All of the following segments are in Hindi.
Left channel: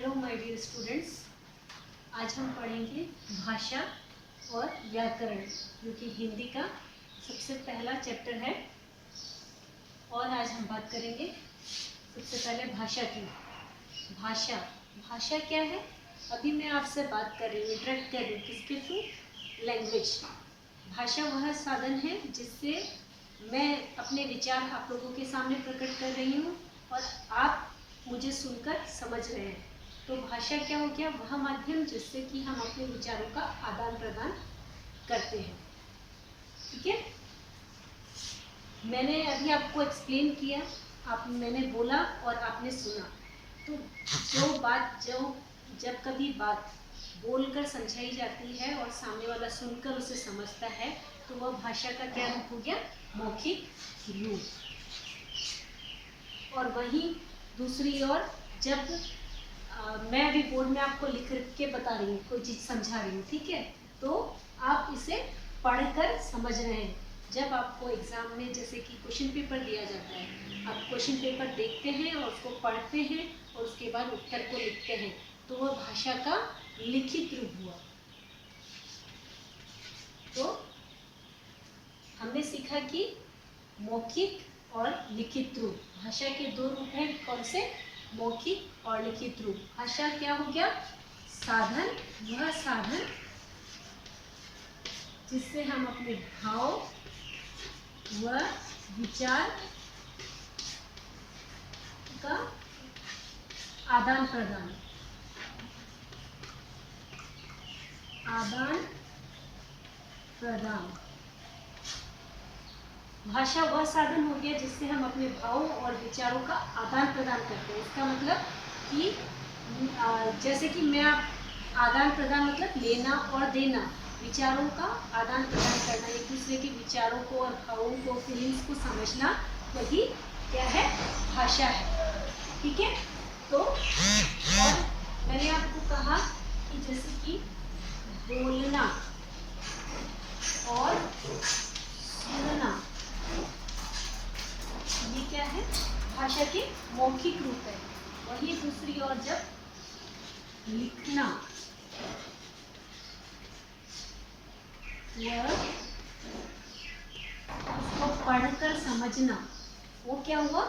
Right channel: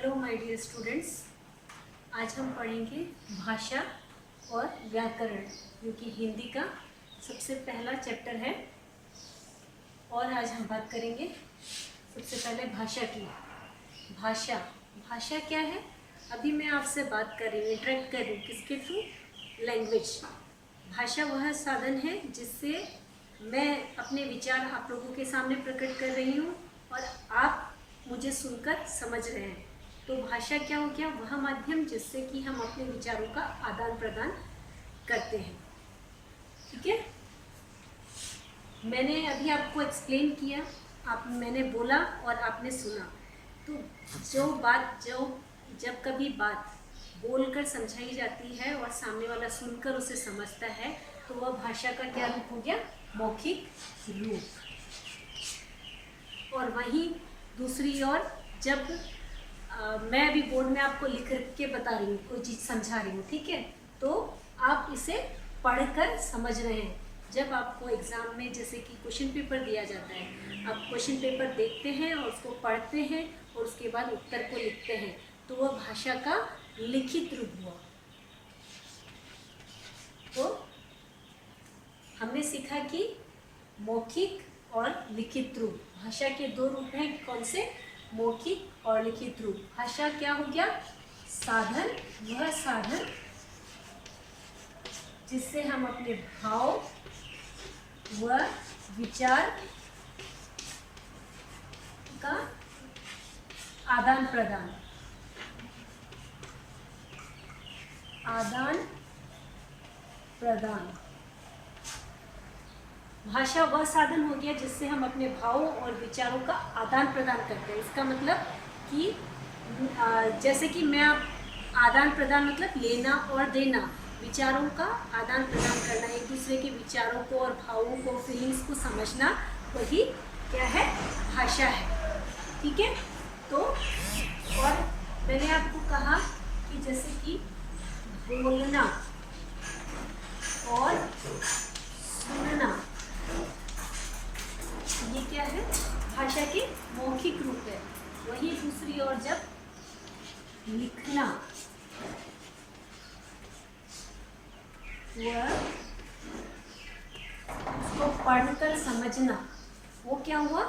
हेलो माय डियर स्टूडेंट्स, आज हम पढ़ेंगे भाषा और व्याकरण जो कि हिंदी का सबसे पहला चैप्टर है। और आज हम बात करेंगे सबसे पहले भाषा की। भाषा क्या है? अभी मैं आपसे बात कर रही हूँ, इंटरेक्ट कर रही हूँ किसके थ्रू? लैंग्वेज। भाषा वह साधन है जिससे मैं अपने विचार आप लोगों के सामने प्रकट कर रही हूँ और आप मुझे सुनकर समझ रहे हैं। तो भाषा क्या हो गया? वह माध्यम जिससे कि हम अपने विचारों का आदान प्रदान करते हैं। ठीक है, मैंने अभी आपको एक्सप्लेन किया, मैंने बोला और आपने सुना। तो जब कभी बात बोलकर समझाई जाती है और सामने वाला सुनकर उसे समझता है तो वह भाषा का क्या रूप हो गया? मौखिक रूप। और वहीं दूसरी ओर जब मैं अभी बोर्ड में आपको लिख के बता रही हूँ, कोई चीज़ समझा रही हूँ, ठीक है, तो आप इसे पढ़कर समझ रहे हैं। जब आपको एग्ज़ाम में जैसे कि क्वेश्चन पेपर दिया जाता है, आप क्वेश्चन पेपर देखते हैं और उसको पढ़ते हैं और उसके बाद उत्तर को लिखते हैं, तो वह भाषा का लिखित रूप हुआ। तो हमने सीखा कि मौखिक और लिखित रूप, भाषा के दो रूप हैं। कौन से? मौखिक और लिखित रूप। भाषा क्या हो गया? साधन, वह साधन जिससे हम अपने भाव व विचार का आदान प्रदान। भाषा वह साधन हो गया जिससे हम अपने भावों और विचारों का आदान प्रदान करते हैं। इसका मतलब कि जैसे कि मैं आदान प्रदान मतलब लेना और देना, विचारों का आदान प्रदान करना, एक दूसरे के विचारों को और भावों को, फीलिंग्स को समझना, वही क्या है? भाषा है। ठीक है, तो और मैंने आपको कहा कि जैसे कि बोलना और सुनना, ये क्या है? भाषा के मौखिक रूप है। वही दूसरी ओर जब लिखना, वह उसको पढ़कर समझना, वो क्या हुआ?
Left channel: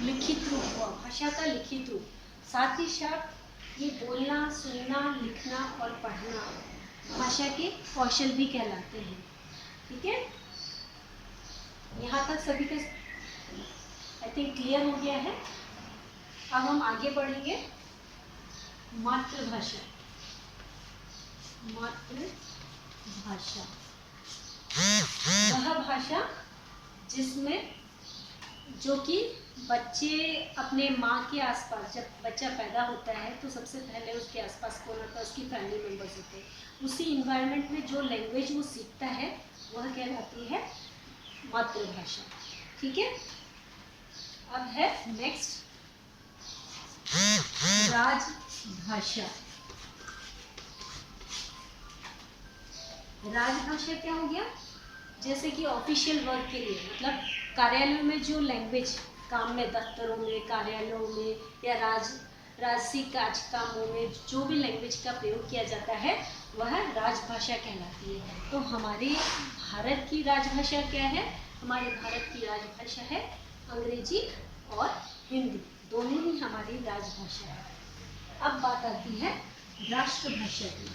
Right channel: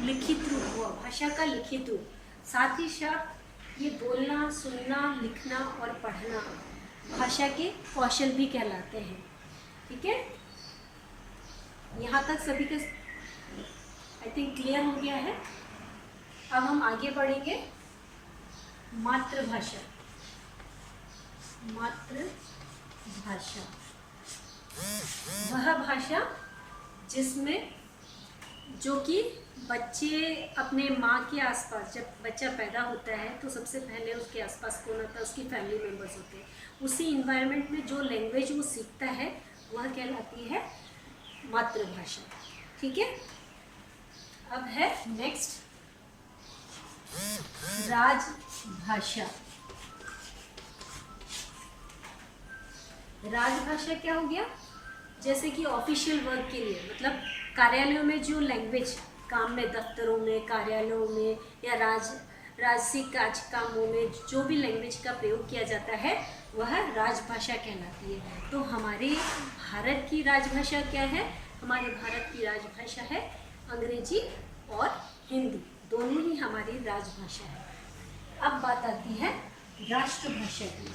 लिखित रूप हुआ, भाषा का लिखित रूप। साथ ही साथ ये बोलना, सुनना, लिखना और पढ़ना भाषा के कौशल भी कहलाते हैं। ठीक है, यहाँ तक सभी का आई थिंक क्लियर हो गया है। अब हम आगे बढ़ेंगे। मातृभाषा। वह भाषा जिसमें जो कि बच्चे अपने माँ के आसपास, जब बच्चा पैदा होता है तो सबसे पहले उसके आसपास कौन होता है? उसकी फैमिली मेम्बर्स होते हैं। उसी इन्वायरमेंट में जो लैंग्वेज वो सीखता है वह कहलाती है मातृभाषा। ठीक है, अब है नेक्स्ट राजभाषा। राजभाषा क्या हो गया? जैसे कि ऑफिशियल वर्क के लिए, मतलब कार्यालयों में जो लैंग्वेज, काम में, दफ्तरों में, कार्यालयों में या राजसी कामों में जो भी लैंग्वेज का प्रयोग किया जाता है वह राजभाषा कहलाती है। तो हमारे भारत की राजभाषा क्या है? हमारे भारत की राजभाषा है अंग्रेजी और हिंदी, दोनों ही हमारी राजभाषा है। अब बात आती है राष्ट्रभाषा की।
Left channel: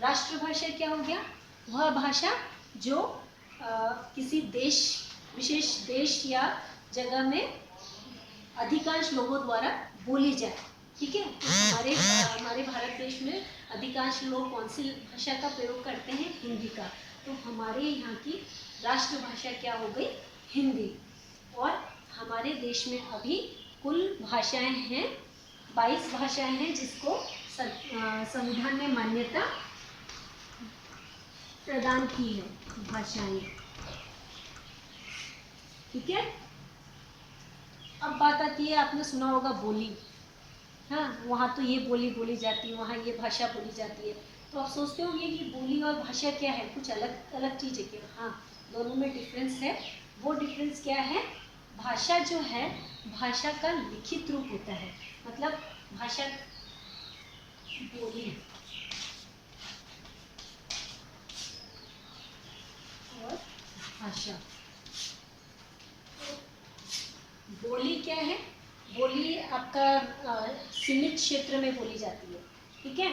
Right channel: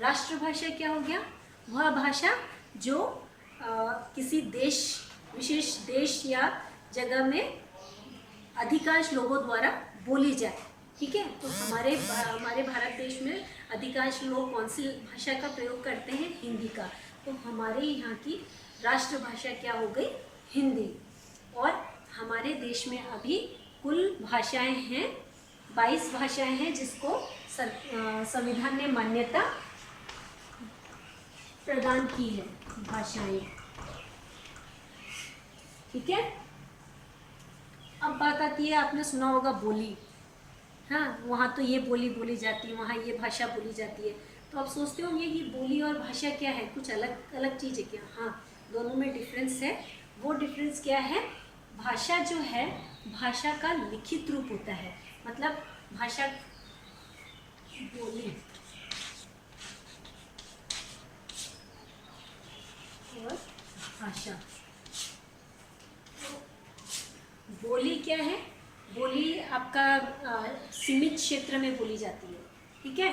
राष्ट्रभाषा क्या हो गया? वह भाषा जो किसी विशेष देश या जगह में अधिकांश लोगों द्वारा बोली जाए। ठीक है, तो हमारे भारत देश में अधिकांश लोग कौन सी भाषा का प्रयोग करते हैं? हिंदी का। तो हमारे यहाँ की राष्ट्रभाषा क्या हो गई? हिंदी। और हमारे देश में अभी कुल भाषाएं हैं 22 भाषाएं हैं जिसको संविधान ने मान्यता प्रदान की है, भाषाएं। ठीक है, अब बात आती है, आपने सुना होगा बोली। हाँ, वहाँ तो ये बोली बोली जाती है, वहाँ ये भाषा बोली जाती है। तो आप सोचते होंगे कि बोली और भाषा क्या है? कुछ अलग अलग चीज़ है क्या? हाँ, दोनों में डिफरेंस है। वो डिफरेंस क्या है? भाषा जो है, भाषा का लिखित रूप होता है, मतलब भाषा बोली और भाषा। बोली क्या है? बोली आपका सीमित क्षेत्र में बोली जाती है, ठीक है,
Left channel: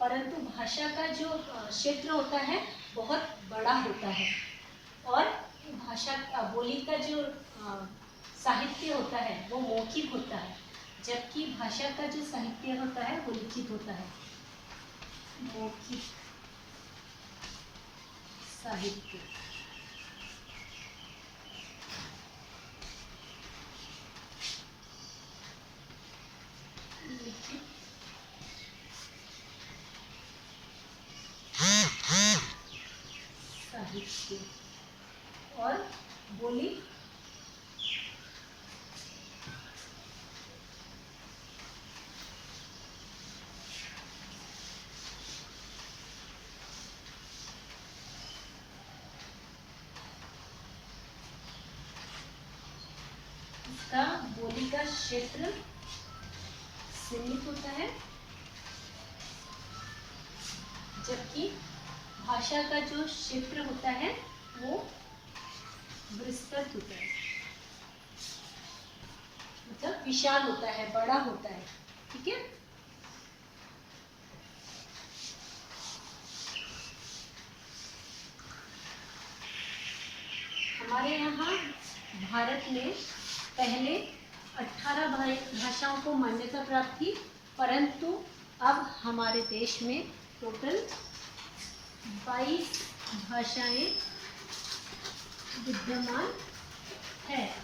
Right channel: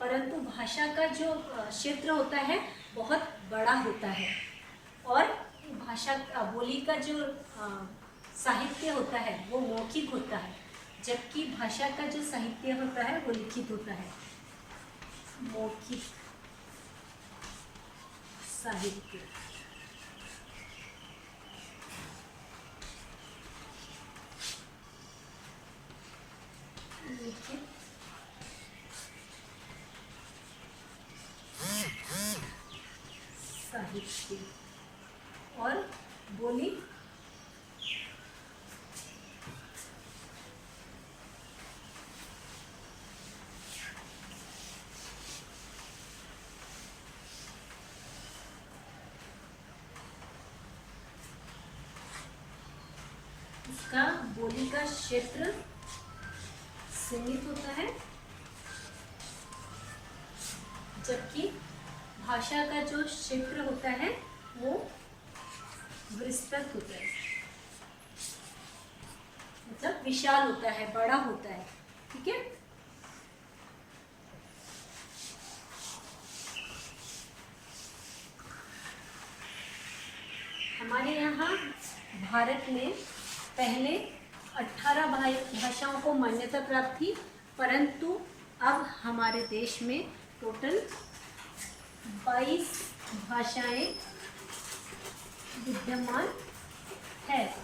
परंतु भाषा का जो क्षेत्र होता है बहुत बड़ा होता है। और भाषा बोली का जो साहित्य होता है वो मौखिक होता है, जबकि भाषा का जो साहित्य होता है वो लिखित होता है, मौखिक साहित्य। लिखित साहित्य और बोली इसका बोली का क्षेत्र सीमित होता है, जबकि भाषा का जो क्षेत्र होता है वो विस्तृत होता है, मतलब विशाल होता है, बड़ा होता है, ठीक है। हमारे यहाँ भारत में पहले 18 भाषाओं को मान्यता प्राप्त थी, परंतु अब हमारे देश में टोटल 22 भाषाएं विद्यमान है।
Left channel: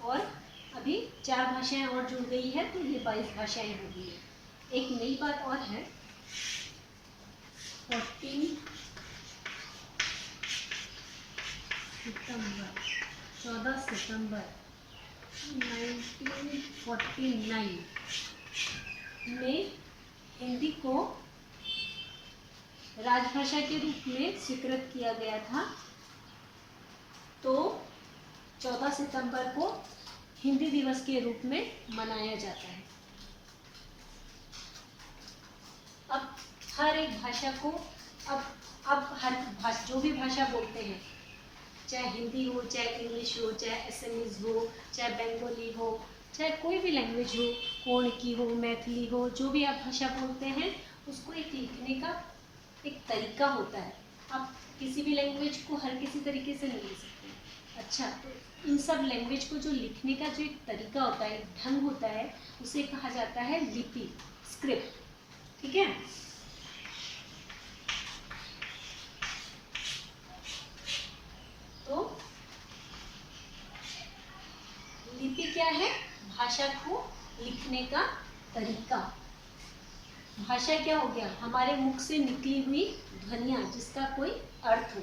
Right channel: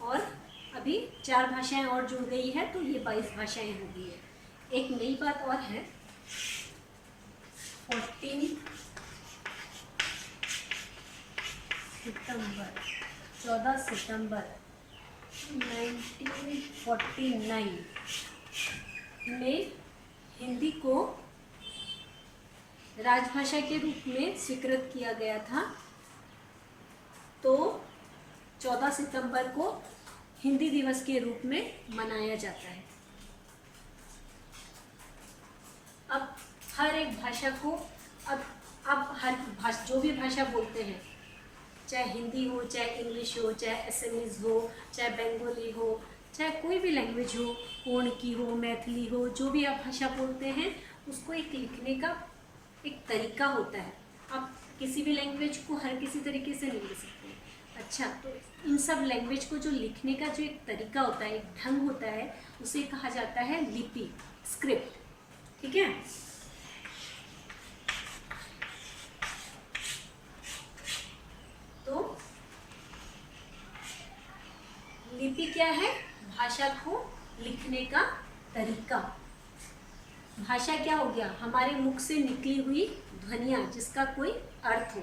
और अभी 4 भाषाएं और जुड़ गई है, तो ये 22 भाषाएं हो गई है। एक नई बात और है, 14 सितंबर 1949 में हिंदी को राजभाषा के रूप में स्वीकृत किया गया था। तो 14 सितंबर को हिंदी दिवस के रूप में मनाया जाता है। अब हर एक भाषा को अब हर भाषा, जो भी भाषा बोलते हैं, चाहे हिंदी हो, चाहे इंग्लिश हो, चाहे असमीज हो, चाहे बंगाली हो, चाहे कोई भी लैंग्वेज हो, कोणकी हो, मैथिली हो, जो भी आप भाषा बोलते हैं, उसको एक लिखने का एक तरीका होता है। आप किसी भी लैंग्वेज को हर किसी तरीके से नहीं लिख सकते। अच्छा, तो इन सब लैंग्वेज को जो लिखने का जो एक तरीका होता है, ढंग होता है, उसे कहा जाता है लिपि, स्क्रिप्ट, ठीक है। तो लिपि क्या है? भाषा को लिखने का तरीका। भाषा क्या हो गया? हमारे मुख से निकली हुई ध्वनियाँ जिसका कोई अर्थ हो।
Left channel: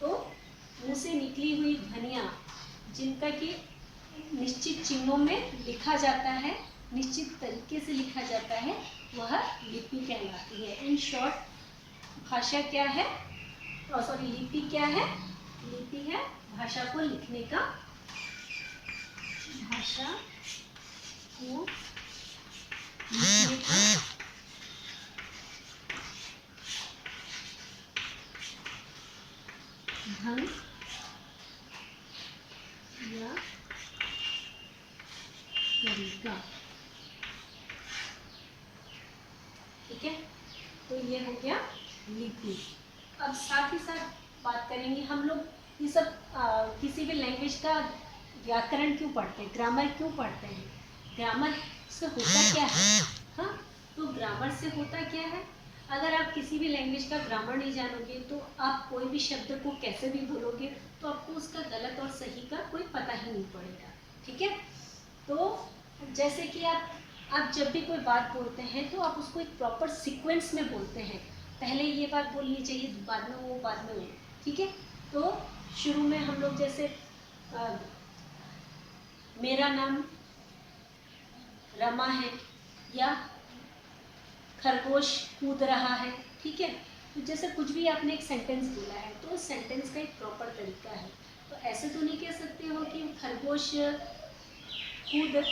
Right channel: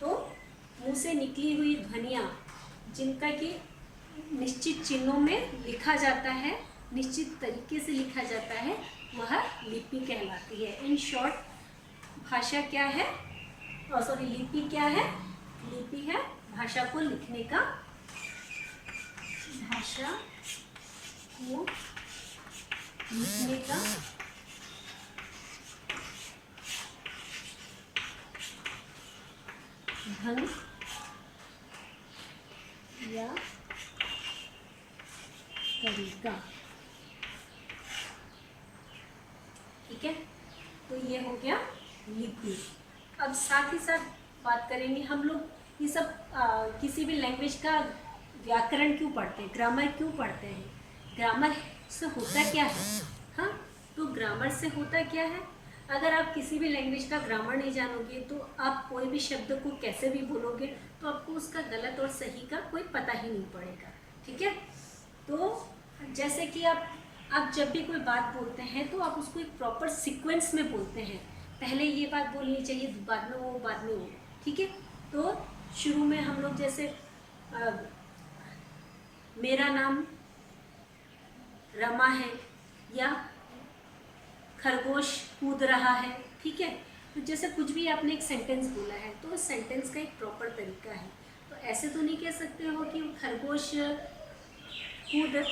तो मुंह से निकली हुई ध्वनियाँ जिनका कि निश्चित चिन्हों में लिखा जाता है, निश्चित तरीके से लिखा जाता है, वह लिपि कहलाती है। इन शॉर्ट भाषा क्या है? लिपि क्या है? लिपि है भाषा को लिखने का, भाषा को लिखने का ढंग या तरीका, ठीक है। तो ये हो गया लिपि। अब साथ ही साथ बात करेंगे हम लोग ये सब किसी भी लैंग्वेज का व्याकरण क्यों पढ़ते हैं, ग्रामर क्यों पढ़ते हैं, ग्रामर से होता क्या है? हाँ, तो ग्रामर से होता क्या है? अगर आप किसी भी लैंग्वेज का ग्रामर नहीं जानोगे तो आप कोई भी शब्द को कैसे भी बोलोगे तो आपको उसका गलत और सही का कोई पता ही नहीं पड़ेगा, ठीक है। तो जैसे कि आप जब भी कोई बात बोलते हैं तो आप उसको एक प्रॉपर सीक्वेंस में बोलते हैं, पहले ये बात बोलनी चाहिए, बाद में वो, ठीक है। तो शुरू में हम लोग जैसे मेरा नाम रमा है या खरगोश कूद रहा है, ठीक है। तो जैसे कुछ भी आपने एक सेंटेंस बोला है तो उस सेंटेंस का एक प्रॉपर तरीका है। तो ऐसे तो नहीं कह सकते हो कि खरगोश कूद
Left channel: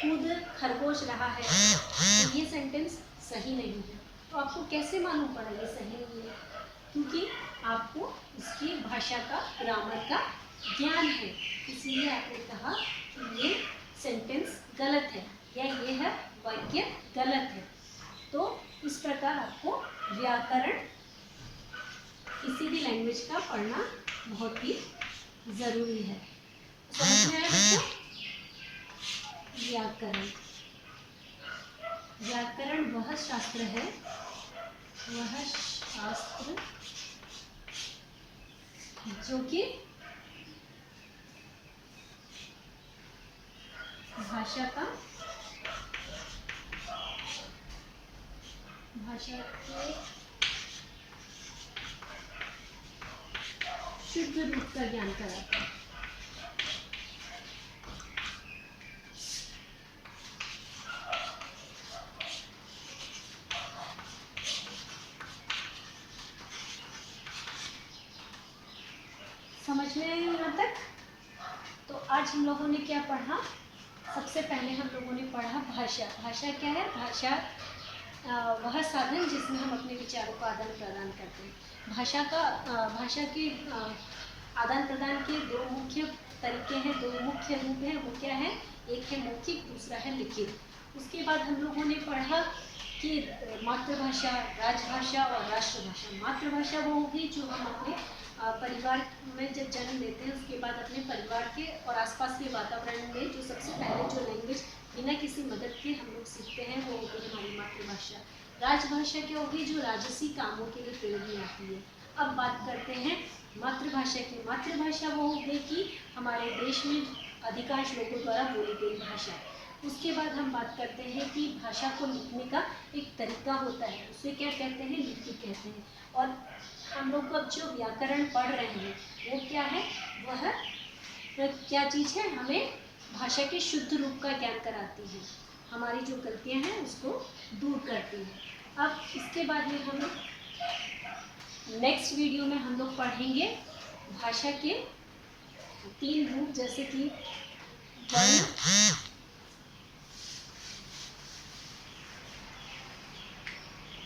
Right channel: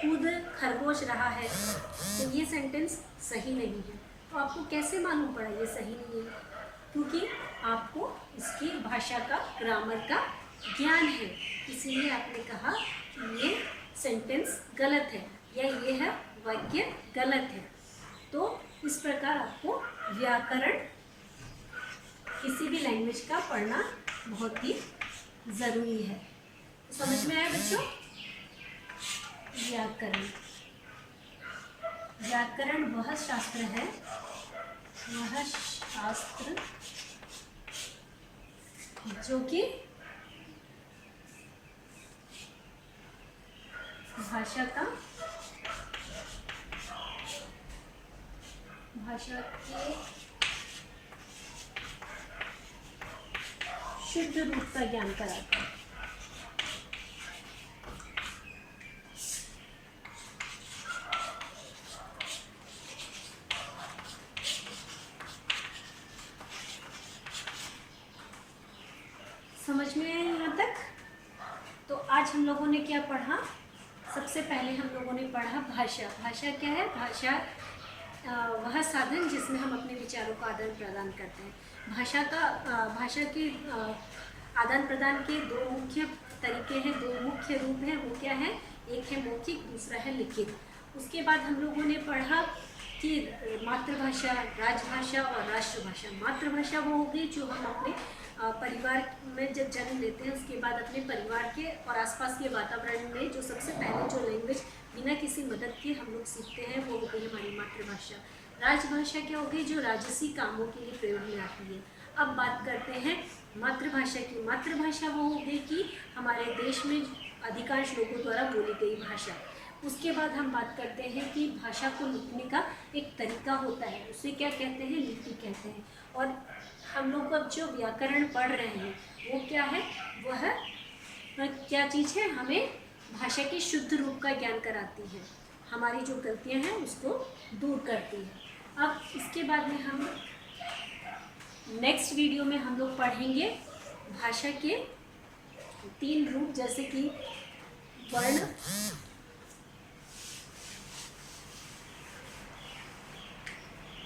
कूद खरगोश रहा है, तो ये सेंटेंस सही नहीं है। तो आपको कैसे मालूम पड़ा ये सही नहीं है? क्योंकि आपको इसकी भाषा का, ग्रामर का ज्ञान है, इसीलिए आपने कहा कि ये सेंटेंस गलत है या ये है वाक्य गलत है। तो इस प्रकार आपको व्याकरण किसी भी लैंग्वेज का पढ़ना बहुत ही ज़रूरी है। समझ में आया बच्चों? व्याकरण, व्याकरण वह शास्त्र है, वह शास्त्र जो कि भाषा के शुद्ध रूप का ज्ञान कराता है। समझ में यहाँ तक? तो आज हम लोगों ने क्या पढ़ा? सबसे पहले हम लोगों ने पढ़ा भाषा। भाषा क्या है? भाषा वह साधन जिसमें हम अपने विचारों का आदान प्रदान करते हैं। भाषा के आदान प्रदान के दो मुख्य तरीके हैं, दो मुख्य रूप हैं। वो क्या है? एक है मौखिक, दूसरा है लिखित। उसके बाद हम लोगों ने पढ़ा कि मातृभाषा, राजभाषा और राष्ट्रभाषा। मातृभाषा वो होगी जो हम अपने परिवार में जब जन्म लेते हैं उसके बाद अपने परिवार के और आसपास के वातावरण में जो सबसे पहले जो लैंग्वेज बिना किसी मदद के हम लोग सीखते हैं वो होगी हमारी मातृभाषा। राजभाषा क्या होगी? जो राजसी कामों के लिए प्रयोग में आती है। अब बात करते हैं मातृभाषा की। मातृभाषा वो होगी कि हमारे देश में अधिकांश लोगों द्वारा बोली गई भाषा। उसके बाद हम बात करते हैं कि भाषा को लिखने का एक तरीका होता है, उसे क्या कहते हैं? लिपि कहते हैं। और हम लोग अब जो व्याकरण पढ़ रहे हैं वो क्या है? वह क्या चीज़ है? हमें भाषा के शुद्ध रूप का ज्ञान कराती है, हमारी जो गलतियां हैं उसको दूर करती है। अब इसके बाद में हम नेक्स्ट वीडियो में हम लोग पढ़ेंगे भाषा के 3 रूप, जैसे कि वर्ण,